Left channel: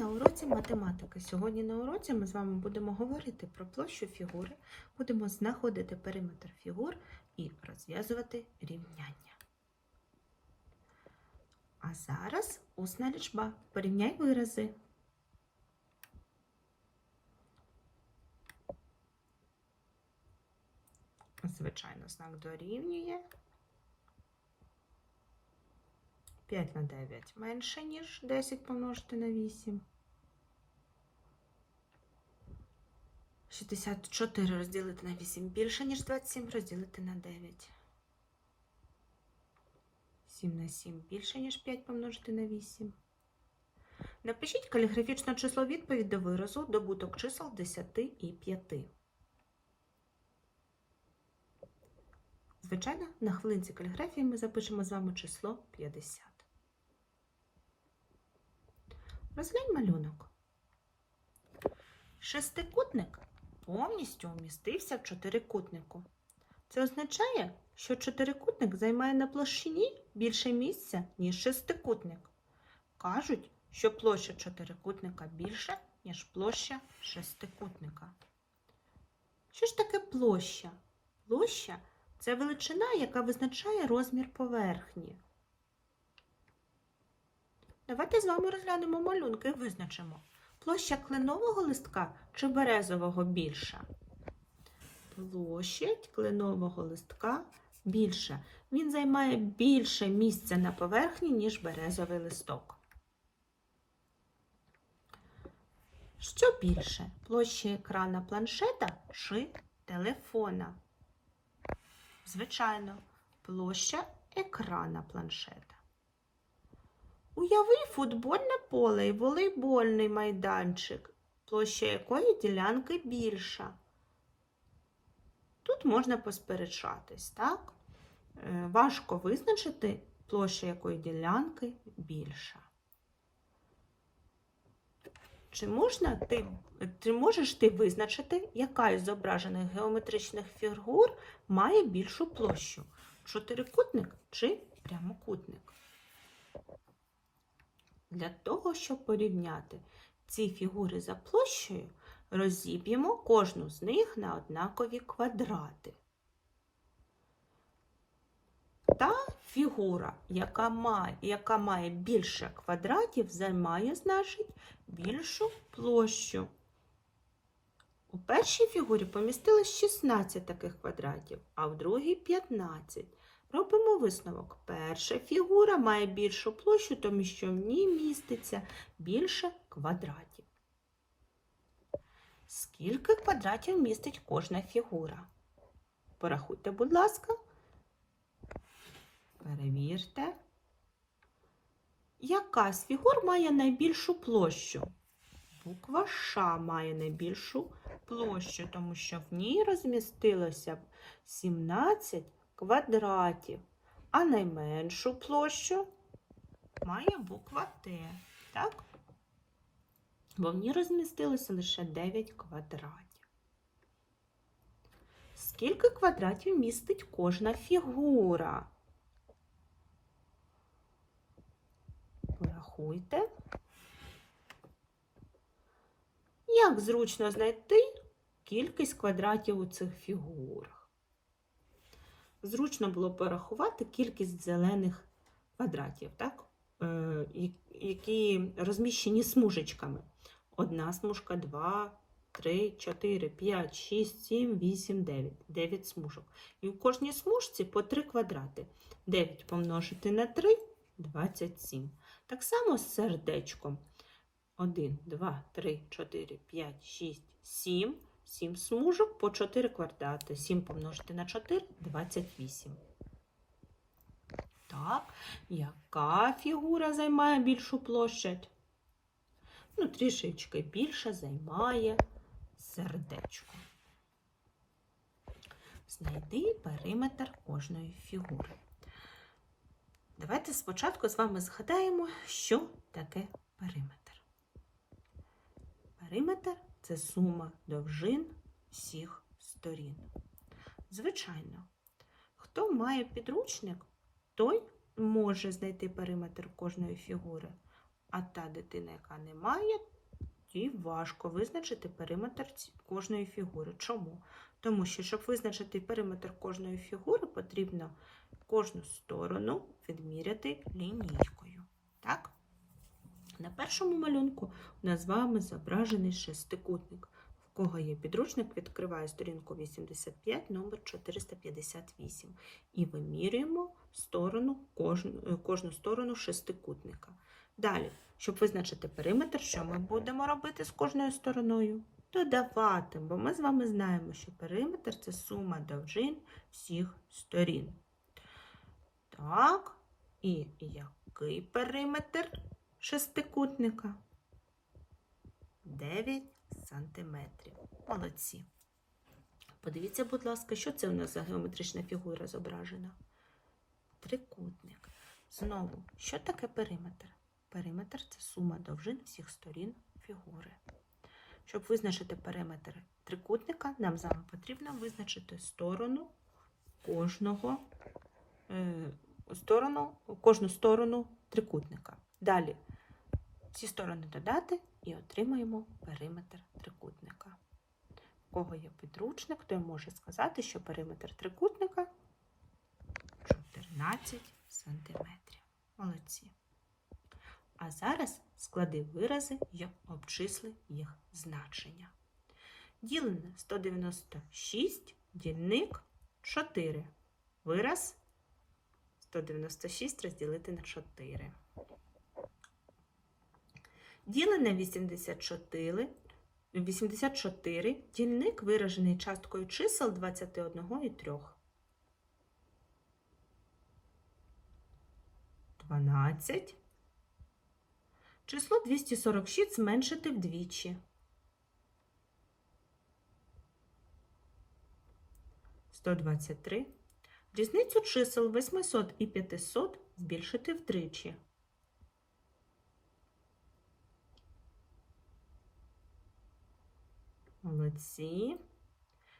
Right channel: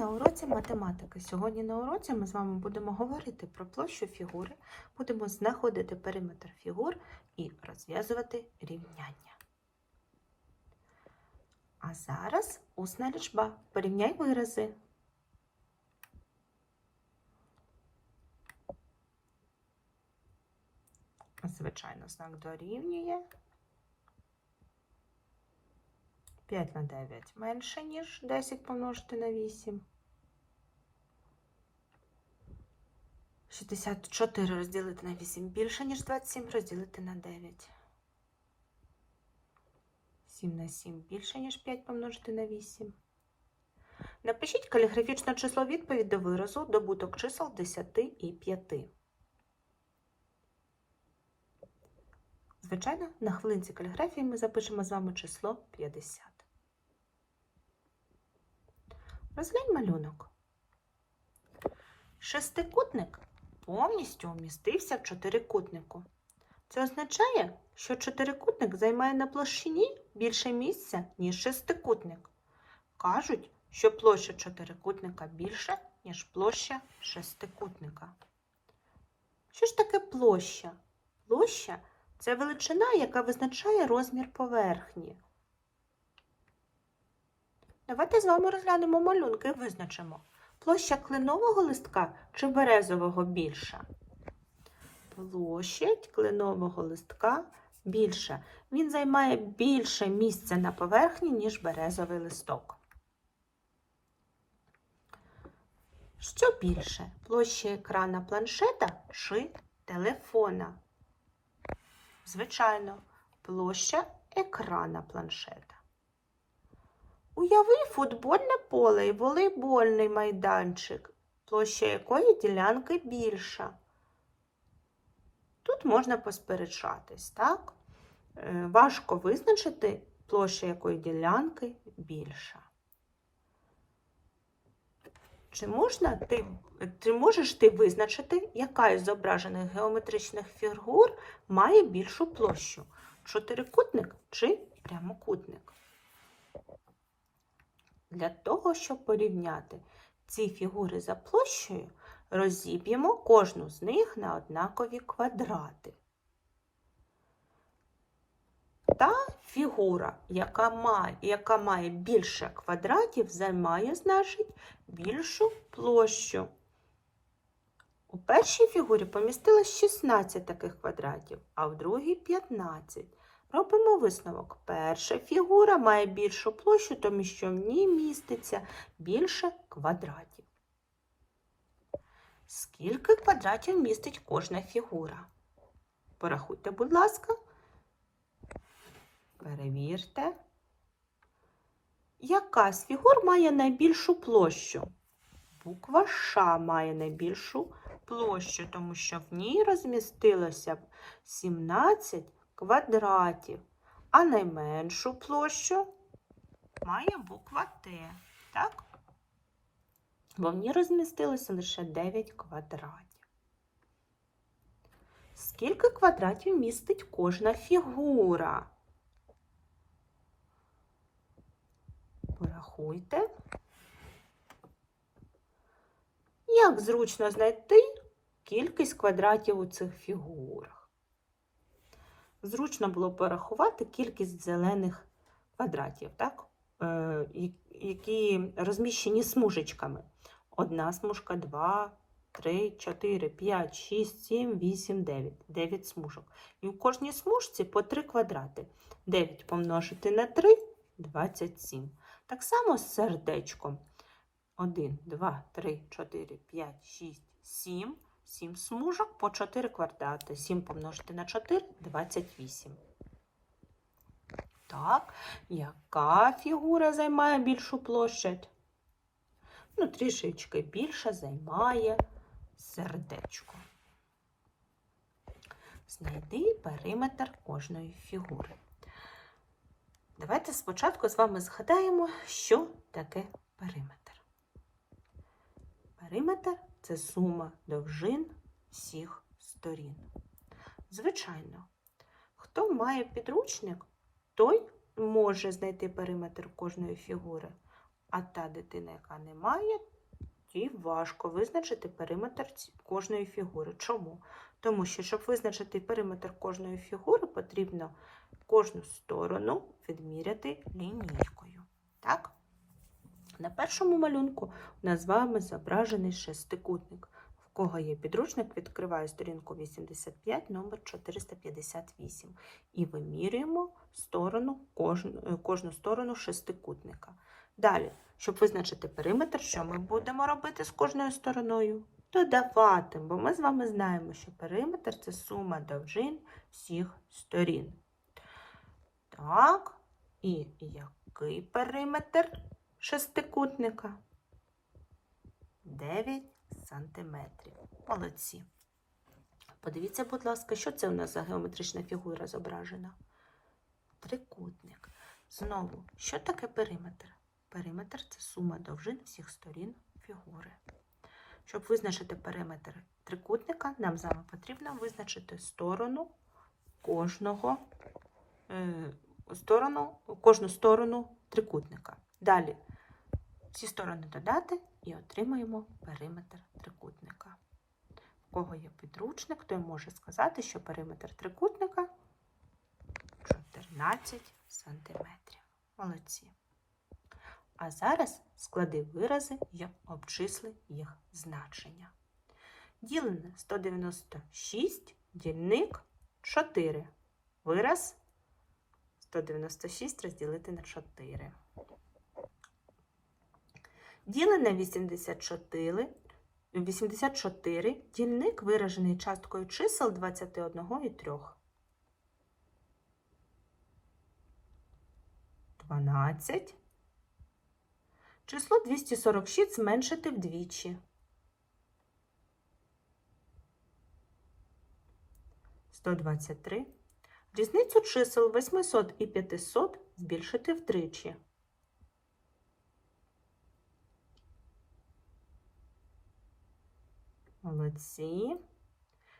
на уроці математики. Сьогодні на уроці ми з вами будемо говорити про площу фігури, будемо знаходити периметр фігур і розв'язувати рівняння. А зараз усна лічба. Порівняй вирази. Звичайно, знак дорівнює. 5 на 9 менше, ніж 10 помножити на 8. 64 розділити на 8 більше, ніж 27 розділити на 9. 7 на 7 більше, ніж 5 помножити на 8. Напишіть каліграфічне число відповідь до виразу добуток чисел 10 і 5. Звичайно, на хвилинці каліграфії ми запишемо з вами число 50. Розглянь малюнок. Шестикутник повністю вмістився в чотирикутнику. Це означає, що чотирикутник займає на площині більше місця, ніж шестикутник. Кажуть, що площа чотирикутника більша, ніж площа шестикутника. Що ж таке площа? Площа це величина, яка визначає розмір поверхні. Давайте з вами розглянемо малюнки і визначимо, площа кленового листка чи березового більша. Площадь кленового листка більша. Він займає більше місця на поверхні, ніж березовий листок. Що більше? Площа екрана планшета чи телефона? Звичайно, площа екрана планшета. Уяви футбольне поле і волейбольний майданчик, площа якої ділянки більша. Тут можна посперечатись, так? Е, Важко визначити, площа якої ділянки більша. Чи, можна ти, чи можеш ти визначити, яка із зображених геометричних фігур має більшу площу? Чотирикутник чи прямокутник? Для того, щоб порівняти ці фігури за площею, розіб'ємо кожну з них на однакові квадрати. Та фігура, яка має, яка має більше квадратів, займає, значить, більшу площу. У першій фігурі помістилось 16 таких квадратів, а в другій 15. Робимо висновок. Перша фігура має більшу площу, тому що в ній міститься більше квадратів. Скільки квадратів містить кожна фігура? Порахуйте, будь ласка. Перевірте. Яка з фігур має найбільшу площу? Буква Ш має найбільшу площу, тому що в ній розмістилося 17 квадратів, а найменшу площу має буква Т, так? Бо в ній розмістилося лише 9 квадратів. Скільки квадратів містить кожна фігура? Порахуйте. Як зручно знайти кількість квадратів у цих фігурах? Зручно було порахувати кількість зелених квадратів, так? Е, які розміщені смужечками. Одна смужка, два, три, чотири, п'ять, шість, сім, вісім, дев'ять. Дев'ять смужок. І у кожній смужці по три квадрати. 9 помножити на 3 – 27. Так само з сердечком. 1, 2, 3, 4, 5, 6, 7. 7 смужок по 4 квадрати. 7 помножити на 4 – 28. Так, яка фігура займає більшу площадь? Ну, трішечки більше займає сердечко. Знайди периметр кожної фігури. Давайте спочатку з вами згадаємо, що таке периметр. Периметр це сума довжин всіх сторін. Звичайно, хто має підручник, той може знайти периметр кожної фігури. А та дитина, яка не має, їй важко визначити периметр кожної фігури. Чому? Тому що, щоб визначити периметр кожної фігури, потрібно кожну сторону відміряти лінійкою. Так? На першому малюнку у нас з вами зображений шестикутник. В кого є підручник, відкриває сторінку 85, номер 458. І вимірюємо сторону, кожну, кожну сторону шестикутника. Далі, щоб визначити периметр, що ми будемо робити з кожною стороною? Додавати, бо ми з вами знаємо, що периметр це сума довжин всіх сторін. Так, і який периметр шестикутника? 9 сантиметрів. Молодці. Подивіться, будь ласка, що це у нас за геометрична фігура зображена? Трикутник. Знову, що таке периметр? Периметр це сума довжин всіх сторін фігури. Щоб визначити периметр трикутника, нам з вами потрібно визначити сторону кожного, е, сторону, кожну сторону трикутника. Далі всі сторони додати і отримаємо периметр трикутника. У кого є підручник, той може сказати, що периметр трикутника 14 сантиметрів. Молодці. А зараз склади вирази і обчисли їх значення. Ділене 196, дільник 4. Вираз 196 розділити на 4. Ділене 84, 84, дільник виражений часткою чисел 21 і 3. 12. Число 246 зменшити вдвічі. 123. Різницю чисел 800 і 500 збільшити втричі. Молодці.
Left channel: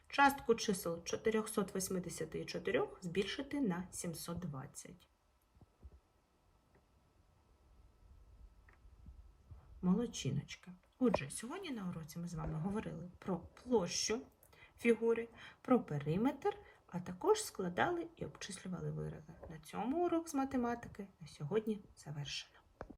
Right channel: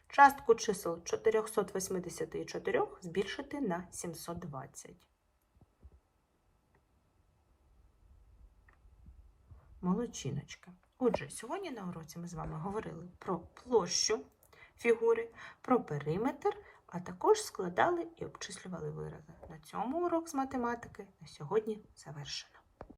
Частку чисел 484 збільшити на 720. Молодчиночка. Отже, сьогодні на уроці ми з вами говорили про площу фігури, про периметр, а також складали і обчислювали вирази. На цьому урок з математики на сьогодні завершено.